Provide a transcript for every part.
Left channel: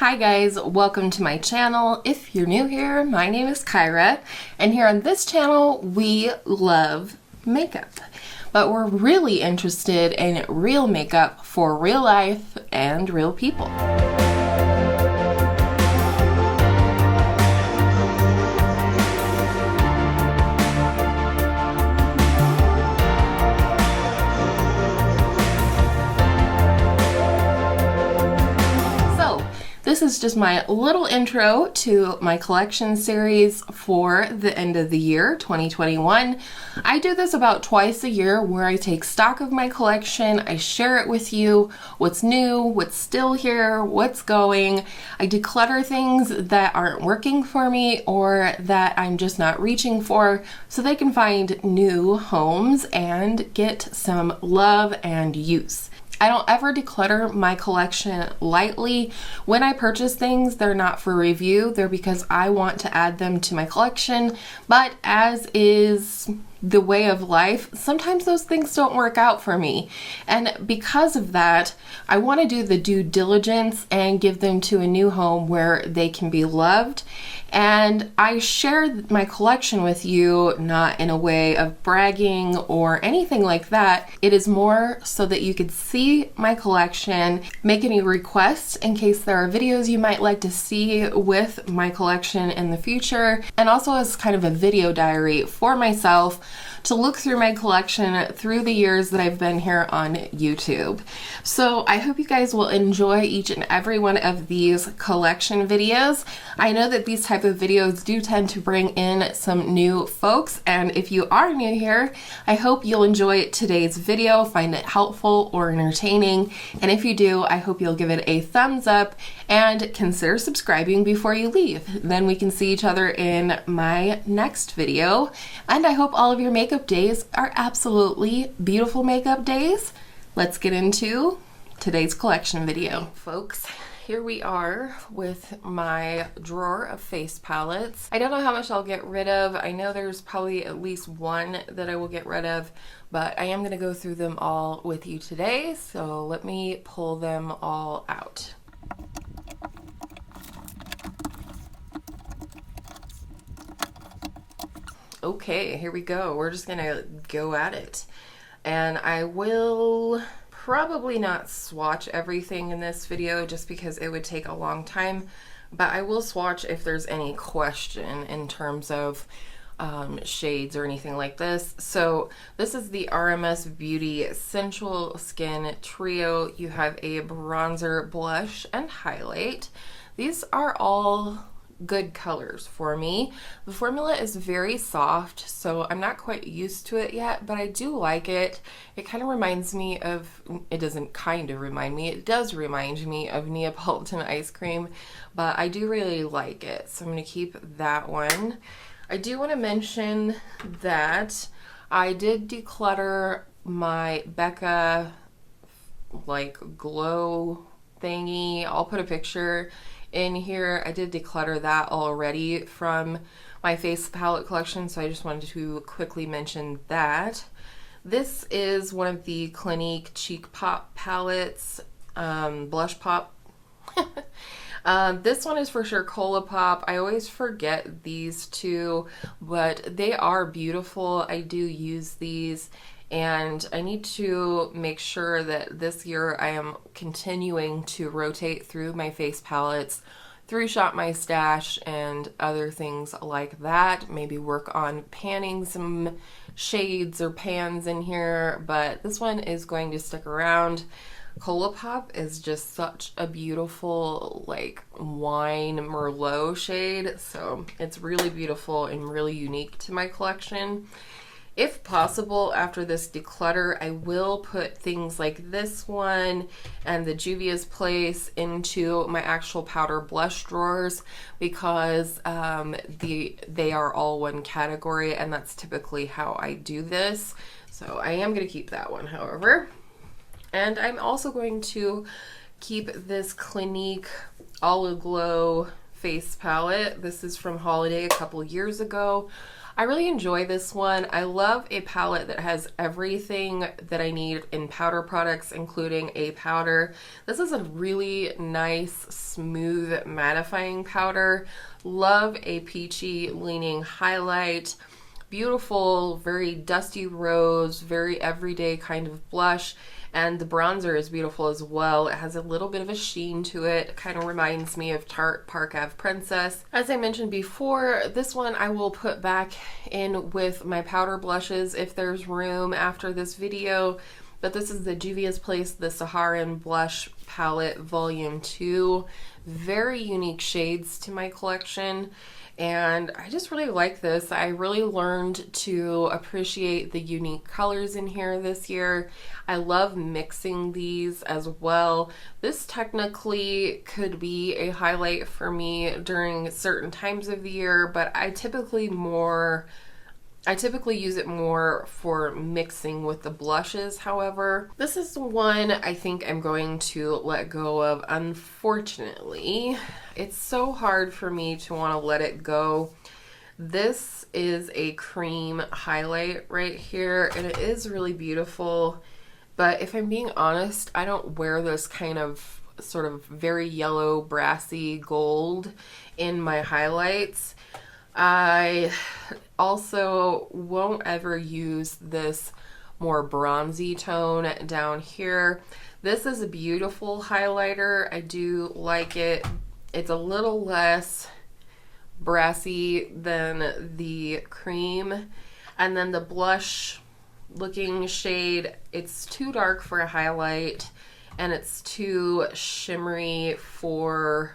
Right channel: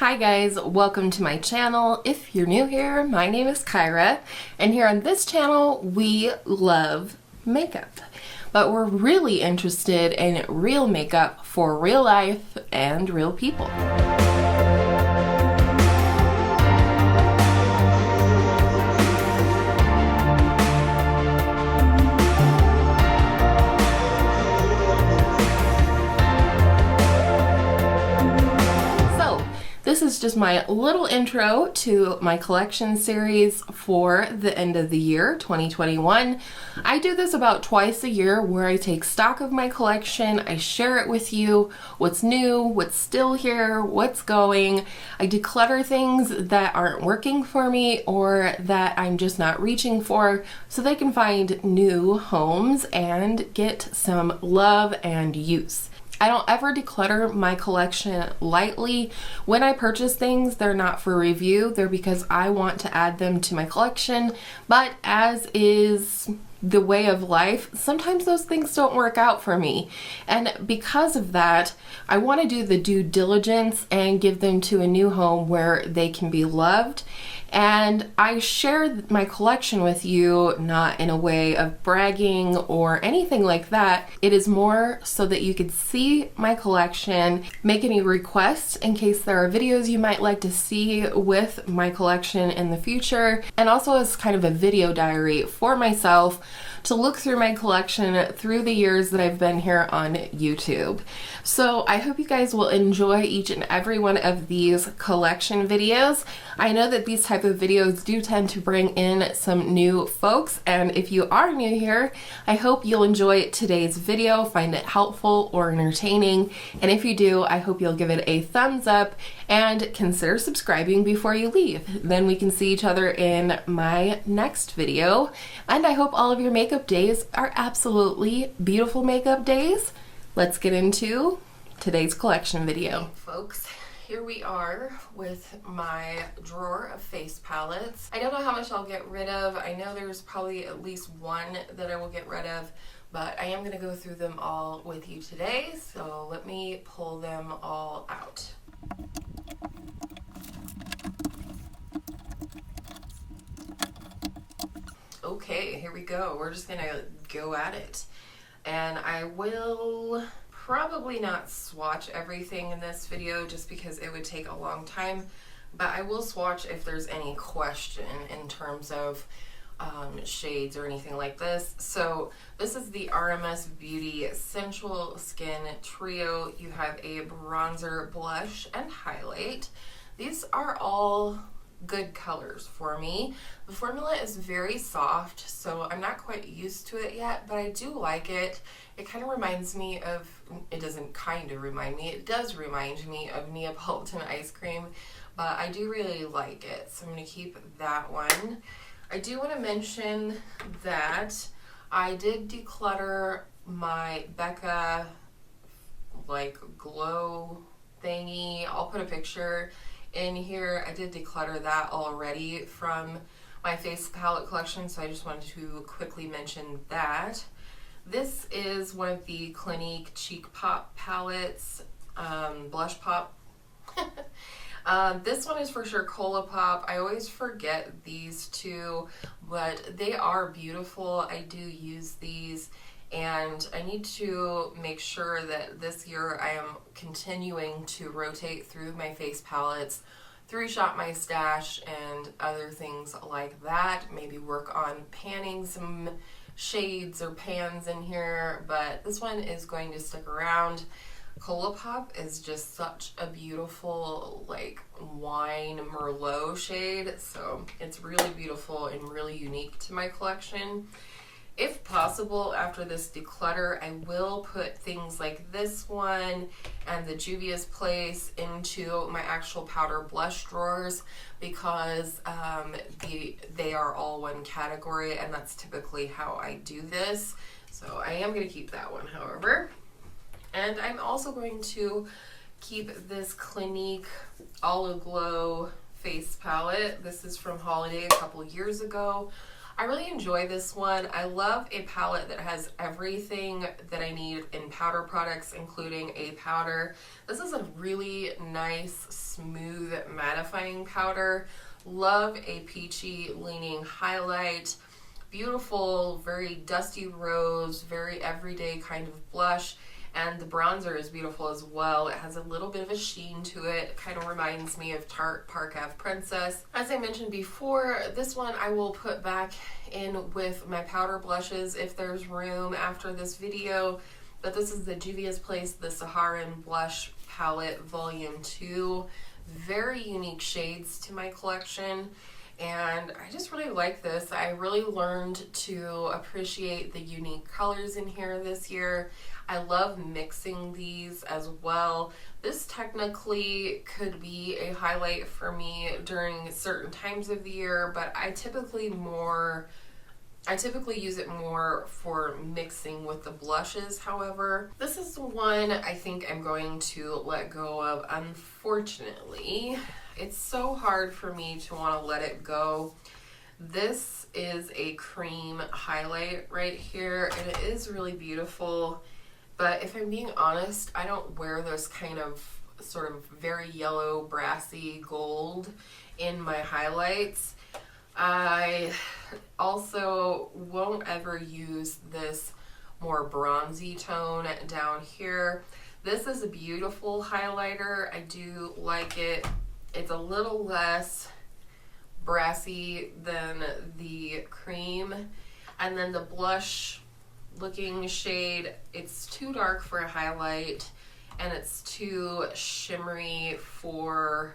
Hi guys, welcome to my channel. If you're new here, my name is Kyra, and here on this channel we love makeup. But we're really interested in real makeup for real life and real people. This is just my little intro to my collection series for the end of the year, 2021. I do this about twice a year where I take stock of my collection, I share it with you, what's new, what's still here, what's going. I declutter things that aren't working for me or that I'm just not reaching for so they can find new homes and get some love and use. I don't ever declutter my collection lightly. When I purchase things, they're not for review. They're because I want to add them to my collection. But as is the way of life, sometimes those things don't work out for me. And because of that, I want to do the due diligence and give them to a new home where they can be loved. And I share my collection with you not in a way of bragging or anything like that. It is more so that you could see my collection, make any requests in case there are videos you might like to see with my collection in the future, and also as kind of a video diary for myself to look through my collection through the years that I've been here on YouTube. So I hope you guys will enjoy each and every one of these collection videos. I know that these type of videos do tend to bring in some new folks, and if you are new here, I hope you'll enjoy today's video, find it helpful or entertaining, and if you do, I hope you'll give it a thumbs up and consider subscribing before you leave. Then we can see each other in my next video, and I hope all of your makeup days are absolutely beautiful makeup days. Let's get into today's collection video. Folks, here we are with my drawer of face palettes. I don't know how much I'll get rid of. I know there's probably at least one that I will get rid of, but I am going to go through them all with you today. So let me pull them all out. Okay, here we go. We're just gonna go at it. And I will probably not swatch everything in this video just because it would take a long time, but I will swatch if there's any question in terms of shades or anything like this. So this is the RMS Beauty Sensual Skin Trio. You have a bronzer, blush, and highlight. These are all good colors for me. The formula is very soft, so I'm not quite used to it yet, but I do like it. It kind of reminds me of, it doesn't kind of remind me, it does remind me of Neapolitan ice cream, but I do really like it, so I'm going to keep that one. I do want to mention that I did declutter my Becca like glow thingy. I'll put a picture in here. I did declutter that already from my face palette collection, so I just wanted to quickly mention that. This is one of the Clinique Cheek Pop palettes, Blush Pop. This one is for sure Cola Pop. I always forget these two, but they are beautiful. I do use these, and I need to make sure that this year I am continuing to rotate through my face palettes, through Shop My Stash and other things like that. Maybe work on panning some shades or pans in here, but this one is going to stick around. Cola Pop is just such a beautiful like wine Merlot shade, so it's really beautiful and really unique to my collection. If possible, after this declutter, I will put things like this one and the Juvia's Place into my actual powder blush drawers because they are all one category, and that's typically how I do this. So I am going to keep that one, however. And I'm also going to keep this Clinique Aglow face palette. This is from Holiday a couple years ago. I really enjoy this one. I love a palette that has everything that I need in powder products, including a powder. This is a really nice, smooth, mattifying powder. Love a peachy leaning highlight. Beautiful, very dusty rose, very everyday kind of blush. And the bronzer is beautiful as well. It has a little bit of a sheen to it. It kind of reminds me of Tarte Park Ave Princess. As I mentioned before, this one I will put back in with my powder blushes if there's room after this video. But this is the Juvia's Place, the Saharan Blush Palette Volume 2. Very unique shades to my collection. And I just really like this. I really learned to appreciate the unique colors in here this year. I love mixing these as well. This technically could be a highlight for me during certain times of the year, but I typically use it more for mixing with the blushes. However, this is the one I think I'm going to let go of, unfortunately. It's so hard for me to want to let it go. This is a cream highlight right here, and it is really beautiful. But if I'm being honest, I don't wear this kind of sort of very yellow, brassy gold in my highlights. I also won't ever use this more bronzy tone down here. This is a beautiful highlighter. I do like it. It's a little less brassy than the cream. And then the blush looking shade, it's too dark for a highlight and it's too shimmery for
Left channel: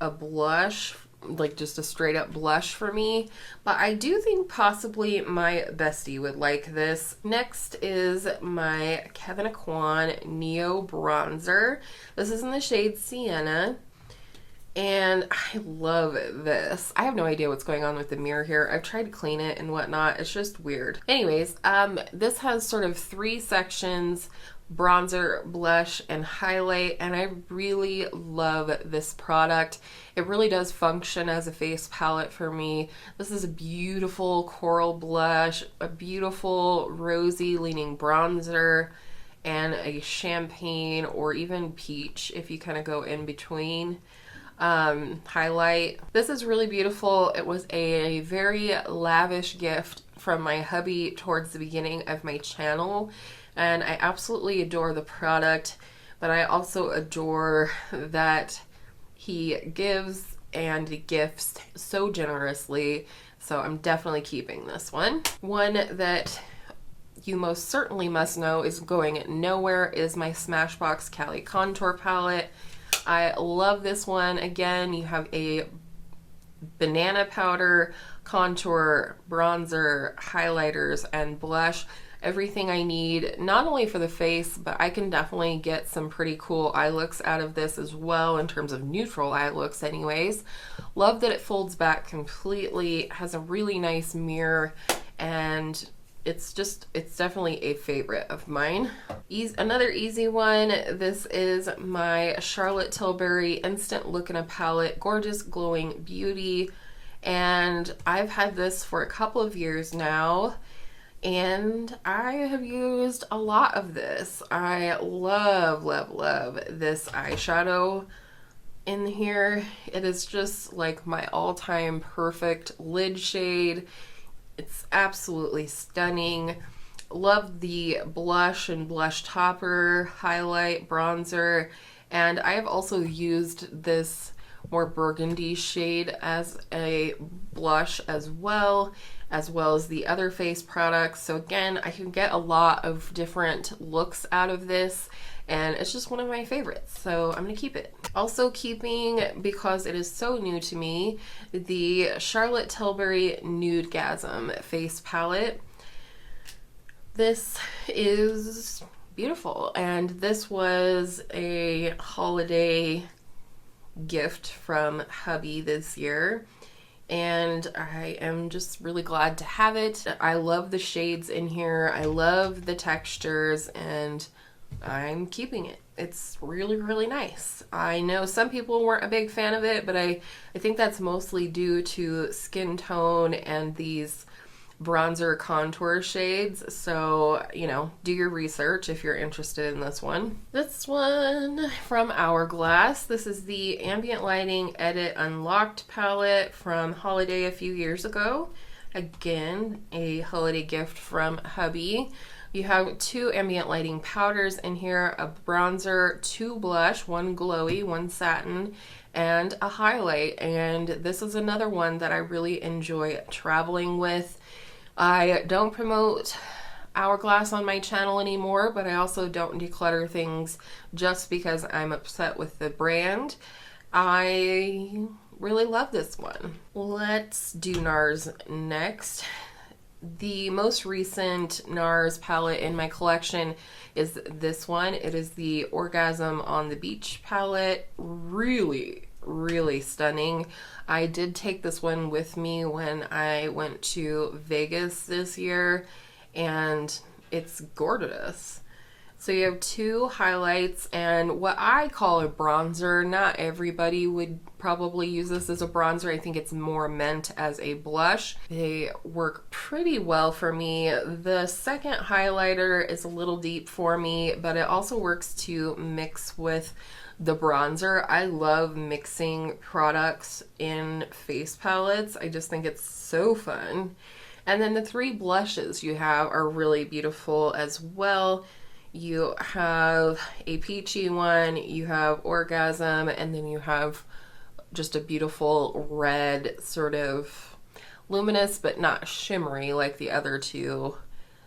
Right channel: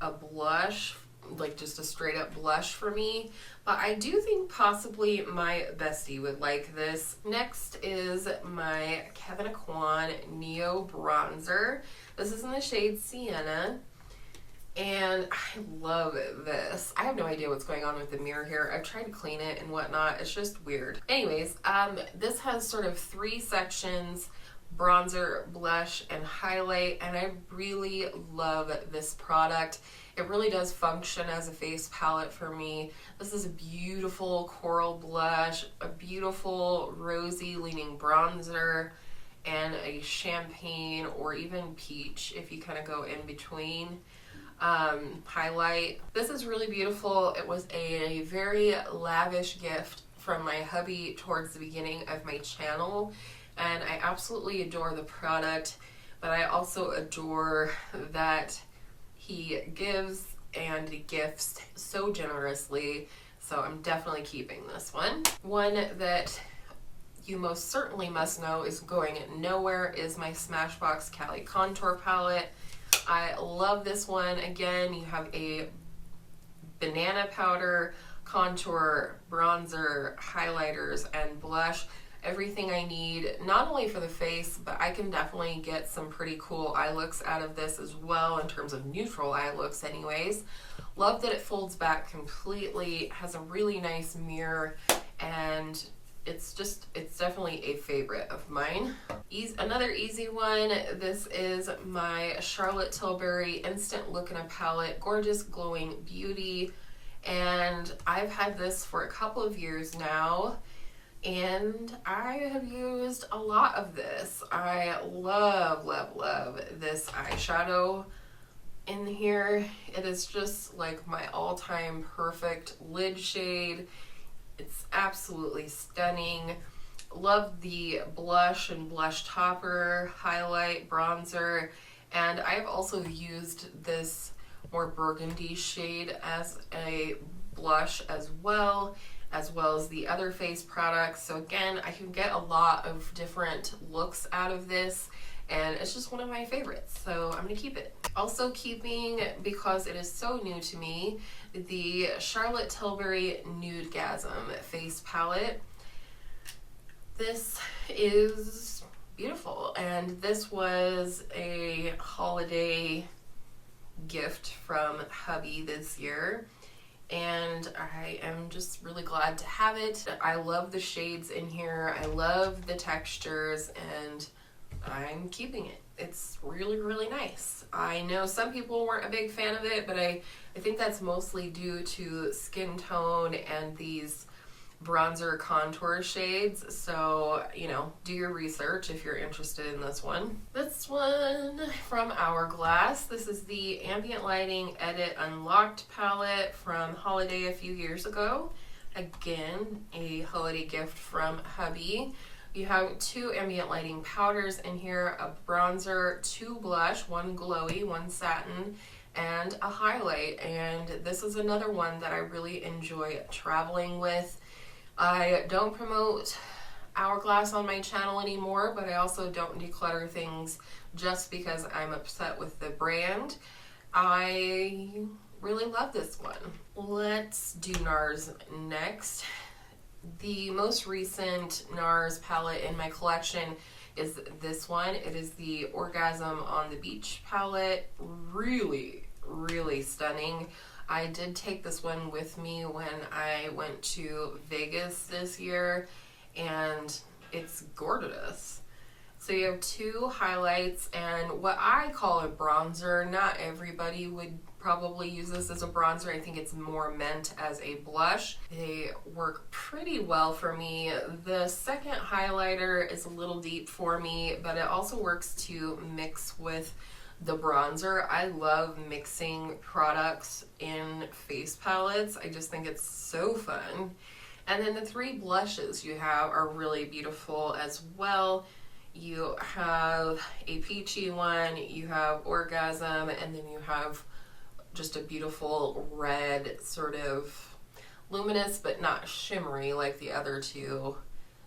a blush, like just a straight up blush for me. But I do think possibly my bestie would like this. Next is my Kevyn Neo Bronzer. This is in the shade Sienna. And I love this. I have no idea what's going on with the mirror here. I've tried to clean it and whatnot. It's just weird. Anyways, this has sort of 3 sections: bronzer, blush, and highlight. And I really love this product. It really does function as a face palette for me. This is a beautiful coral blush, a beautiful rosy leaning bronzer, and a champagne or even peach if you kind of go in between highlight. This is really beautiful. It was a very lavish gift from my hubby towards the beginning of my channel, and I absolutely adore the product, but I also adore that he gives and gifts so generously, so I'm definitely keeping this one. One that you most certainly must know is going nowhere is my Smashbox Cali Contour Palette. I love this one. Again, you have a banana powder, contour, bronzer, highlighters, and blush. Everything I need, not only for the face, but I can definitely get some pretty cool eye looks out of this as well, in terms of neutral eye looks anyways. Love that it folds back completely, has a really nice mirror, and it's definitely a favorite of mine. Another easy one, this is my Charlotte Tilbury Instant Look in a Palette, Gorgeous Glowing Beauty, and I've had this for a couple of years now, and I have used a lot of this. I love, love, love this eyeshadow in here. It is just like my all-time perfect lid shade. It's absolutely stunning. Love the blush and blush topper, highlight, bronzer, and I have also used this more burgundy shade as a blush as well as the other face products. So again, I can get a lot of different looks out of this, and it's just one of my favorites, so I'm gonna keep it. Also keeping, because it is so new to me, the Charlotte Tilbury Nudegasm face palette. This is beautiful, and this was a holiday gift from hubby this year, and I am just really glad to have it. I love the shades in here, I love the textures, and I'm keeping it. it's really, really nice. I know some people weren't a big fan of it, but I think that's mostly due to skin tone and these bronzer contour shades. So, you know, do your research if you're interested in this one. This one from Hourglass. This is the Ambient Lighting Edit Unlocked palette from holiday a few years ago. Again, a holiday gift from hubby. You have 2 ambient lighting powders in here, a bronzer, 2 blush, 1 glowy, 1 satin, and a highlight. And this is another one that I really enjoy traveling with. I don't promote Hourglass on my channel anymore, but I also don't declutter things just because I'm upset with the brand. I really love this one. Let's do NARS next. The most recent NARS palette in my collection is this one. It is the Orgasm on the Beach palette. Really, really stunning. I did take this one with me when I went to Vegas this year, and it's gorgeous. So you have 2 highlights and what I call a bronzer. Not everybody would probably use this as a bronzer. I think it's more meant as a blush. They work pretty well for me. The second highlighter is a little deep for me, but it also works to mix with the bronzer. I love mixing products in face palettes. I just think it's so fun. And then the 3 blushes you have are really beautiful as well. You have a peachy one, you have Orgasm, and then you have just a beautiful red, sort of luminous but not shimmery like the other 2.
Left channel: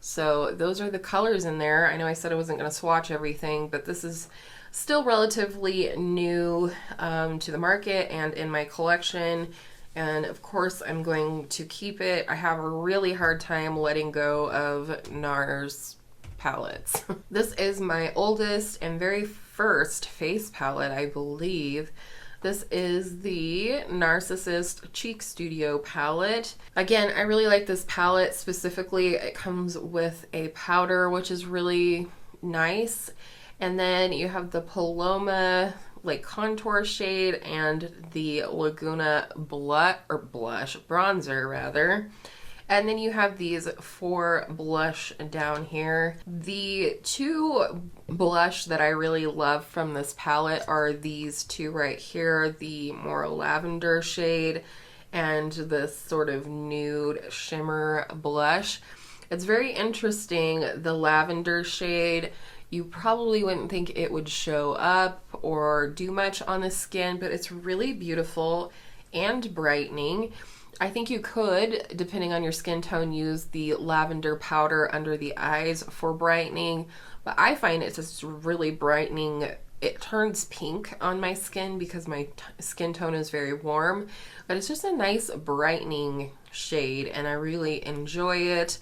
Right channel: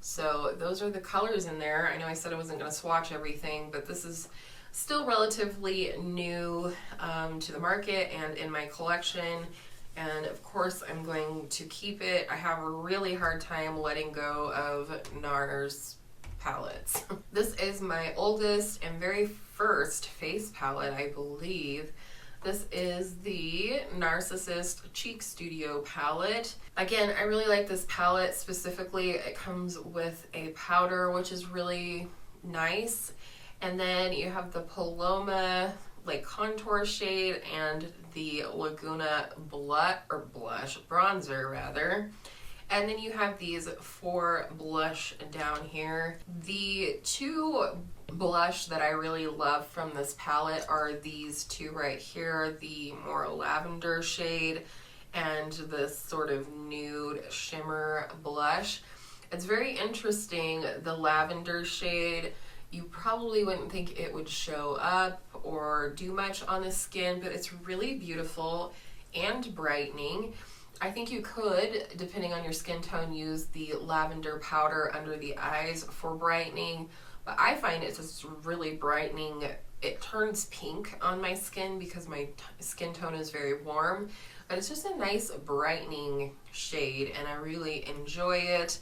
So those are the colors in there. I know I said I wasn't going to swatch everything, but this is still relatively new to the market and in my collection. And of course I'm going to keep it. I have a really hard time letting go of NARS palettes. This is my oldest and very first face palette, I believe. This is the NARSissist Cheek Studio palette. Again, I really like this palette specifically. It comes with a powder, which is really nice. And then you have the Paloma like contour shade and the Laguna bronzer rather. And then you have these 4 blush down here. The 2 blush that I really love from this palette are these 2 right here, the more lavender shade and this sort of nude shimmer blush. It's very interesting, the lavender shade. You probably wouldn't think it would show up or do much on the skin, but it's really beautiful and brightening. I think you could, depending on your skin tone, use the lavender powder under the eyes for brightening, but I find it's just really brightening. It turns pink on my skin because my skin tone is very warm, but it's just a nice brightening shade and I really enjoy it.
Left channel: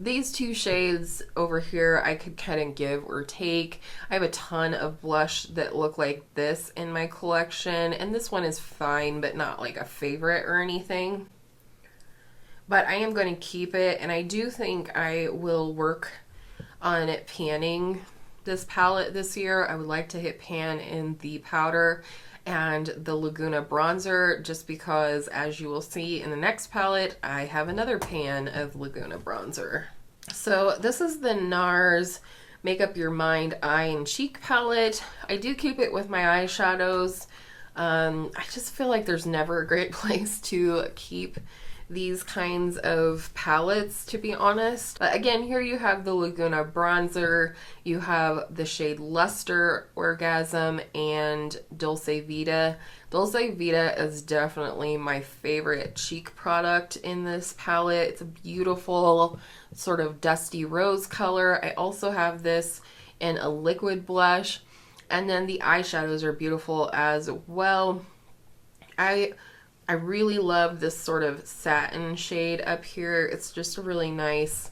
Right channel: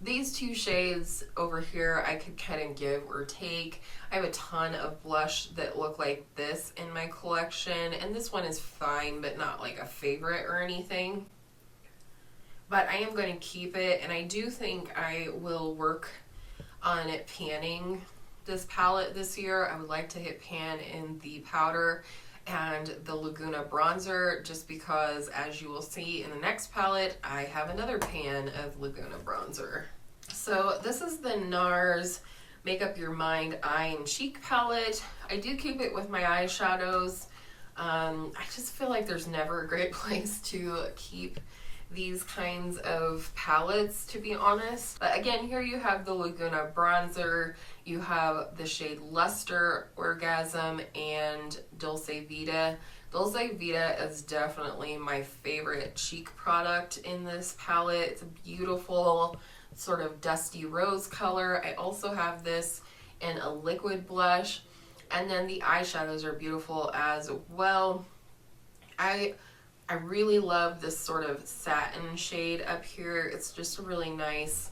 These 2 shades over here I could kind of give or take. I have a ton of blush that look like this in my collection, and this one is fine but not like a favorite or anything. But I am going to keep it, and I do think I will work on it panning this palette this year. I would like to hit pan in the powder and the Laguna bronzer, just because, as you will see in the next palette, I have another pan of Laguna bronzer. So this is the NARS Make Up Your Mind Eye and Cheek palette. I do keep it with my eyeshadows. I just feel like there's never a great place to keep these kinds of palettes, to be honest. But again, here you have the Laguna bronzer, you have the shade Luster, Orgasm, and Dulce Vita. Dulce Vita is definitely my favorite cheek product in this palette. It's a beautiful sort of dusty rose color. I also have this in a liquid blush, and then the eyeshadows are beautiful as well. I really love this sort of satin shade up here. It's just a really nice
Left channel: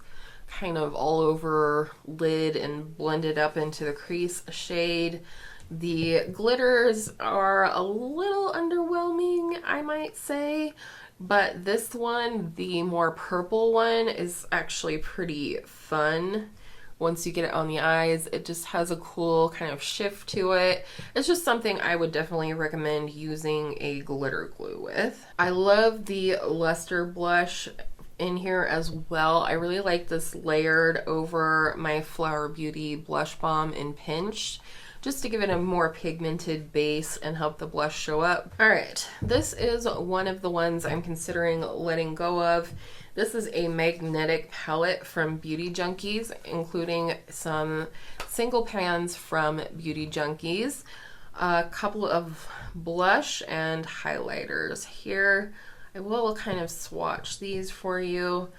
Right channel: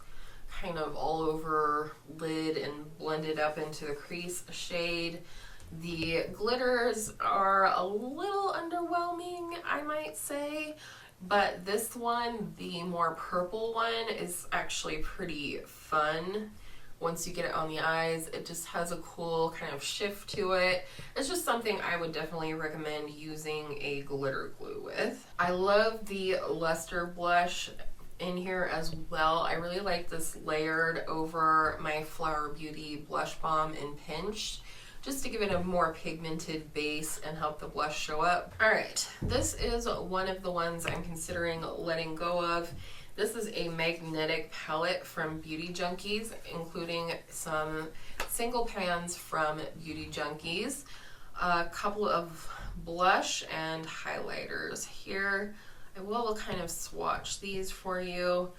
kind of all over lid and blended up into the crease shade. The glitters are a little underwhelming, I might say, but this one, the more purple one, is actually pretty fun. once you get it on the eyes, it just has a cool kind of shift to it. It's just something I would definitely recommend using a glitter glue with. I love the luster blush in here as well. I really like this layered over my Flower Beauty Blush Balm in Pinch, just to give it a more pigmented base and help the blush show up. All right, this is one of the ones I'm considering letting go of. This is a magnetic palette from Beauty Junkies, including some single pans from Beauty Junkies, a couple of blush and highlighters here. I will kind of swatch these for you.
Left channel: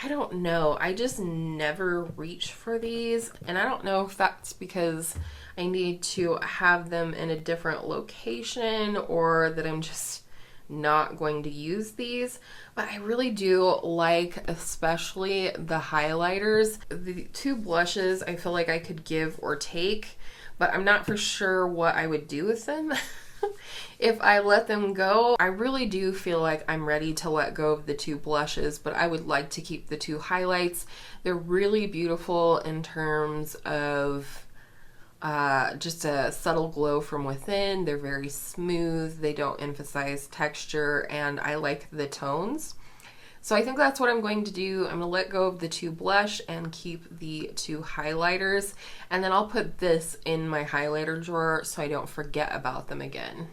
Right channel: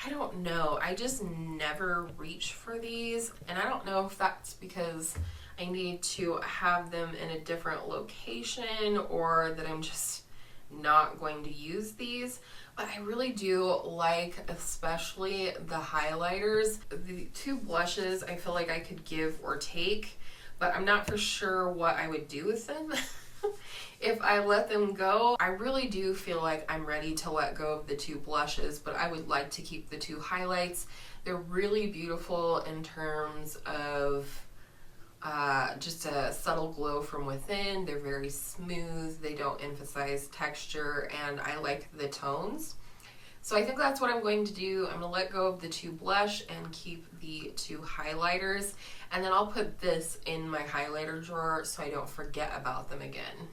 I don't know, I just never reach for these, and I don't know if that's because I need to have them in a different location or that I'm just not going to use these, but I really do like especially the highlighters. The two blushes I feel like I could give or take, but I'm not for sure what I would do with them. If I let them go, I really do feel like I'm ready to let go of the two blushes, but I would like to keep the two highlights. They're really beautiful in terms of just a subtle glow from within. They're very smooth, they don't emphasize texture, and I like the tones. So I think that's what I'm going to do. I'm going to let go of the two blush and keep the two highlighters, and then I'll put this in my highlighter drawer so I don't forget about them again.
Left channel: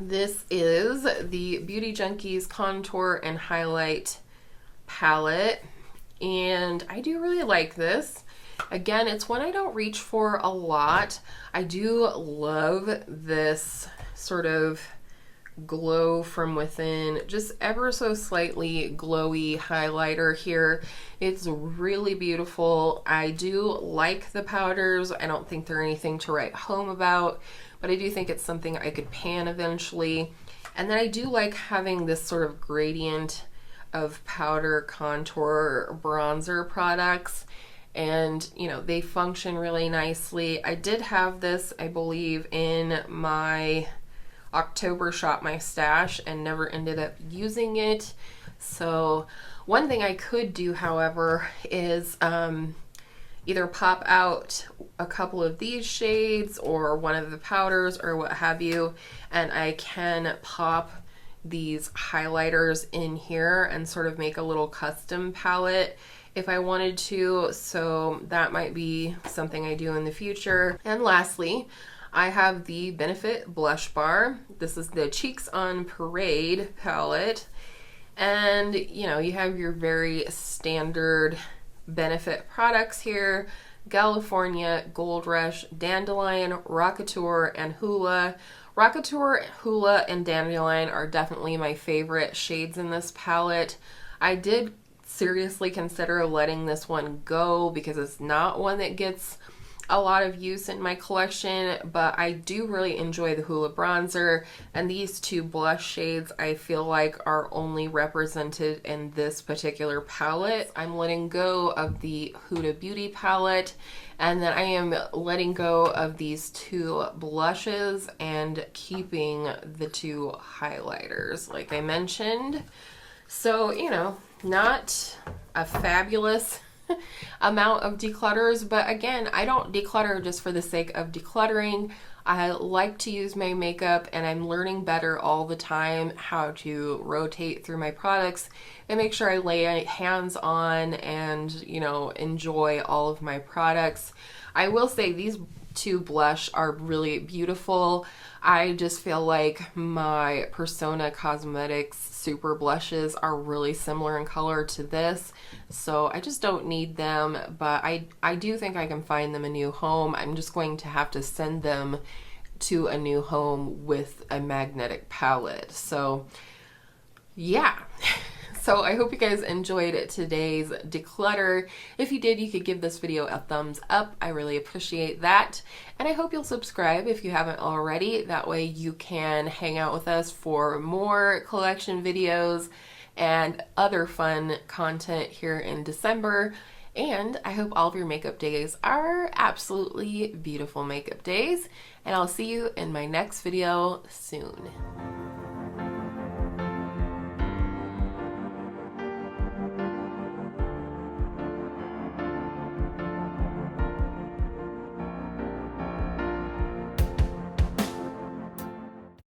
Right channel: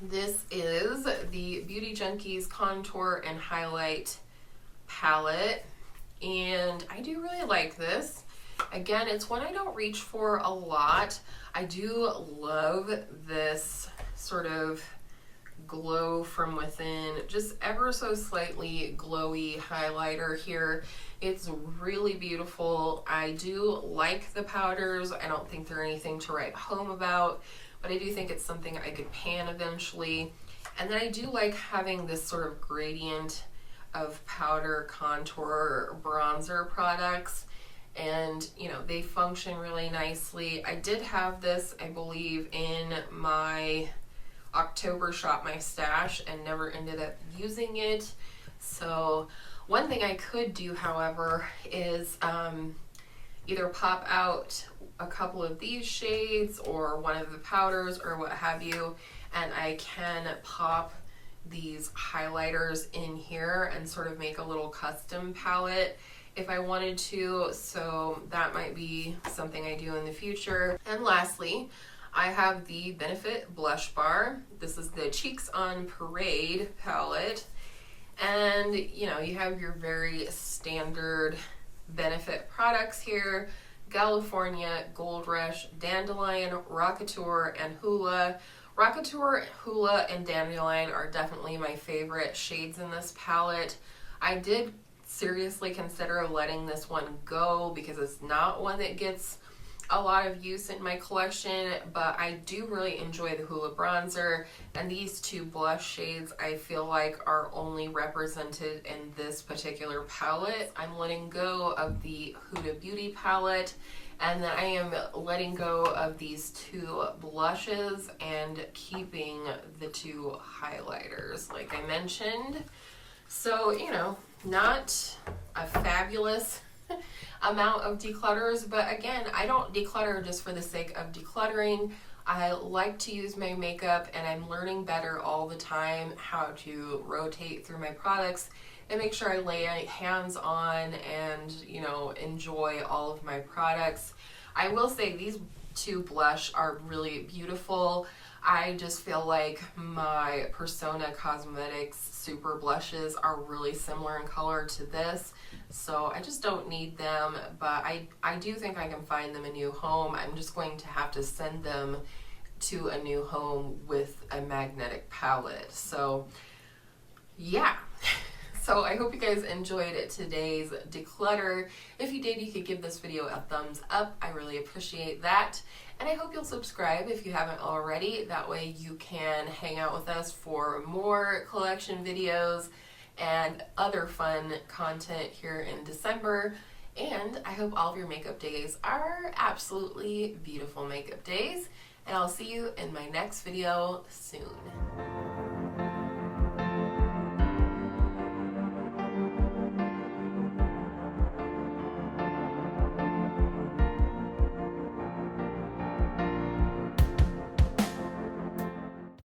This is the Beauty Junkies Contour and Highlight Palette, and I do really like this. Again, it's one I don't reach for a lot. I do love this sort of glow from within, just ever so slightly glowy highlighter here. It's really beautiful. I do like the powders. I don't think they're anything to write home about, but I do think it's something I could pan eventually. And then I do like having this sort of gradient of powder, contour, bronzer products, and you know, they function really nicely. I did have this, I believe, in my October Shop My Stash and never ended up using it. So one thing I could do, however, is either pop out a couple of these shades or one of the powders or what have you, and I can pop these highlighters in here and sort of make a little custom palette if I wanted to. So that might be something I do in the future. And lastly, I have the Benefit Blush Bar. This is the Cheeks on Parade palette. And you know, you have your very standard Benefit products here: California, Gold Rush, Dandelion, Rockateur, and Hula. Rockateur, Hula, and Dandelion are definitely my favorite shades in this palette. I did seriously consider letting this one go because it's not one that gets a lot of use in my collection, but I do really enjoy the Hula bronzer, and these two blush shades I feel like are only represented in this particular palette. I'm letting go of the Huda Beauty palette, and then I am letting go of these two blushes and keeping the two highlighters like I mentioned. So, you know, not a fabulous amount of declutters, but again, I don't declutter just for the sake of decluttering. I like to use my makeup, and I'm learning better all the time how to rotate through my products and make sure I lay hands on and, you know, enjoy all of my products. I will say these two blush are really beautiful. I just feel like my Persona Cosmetics Super Blushes are really similar in color to this, so I just don't need them, but I do think I can find them a new home. I'm just going to have to send them to a new home with a magnetic palette. So yeah. So I hope you guys enjoyed today's declutter. If you did, you could give this video a thumbs up. I really appreciate that. And I hope you'll subscribe if you haven't already. That way you can hang out with us for more collection videos and other fun content here in December. And I hope all of your makeup days are absolutely beautiful makeup days. And I'll see you in my next video soon.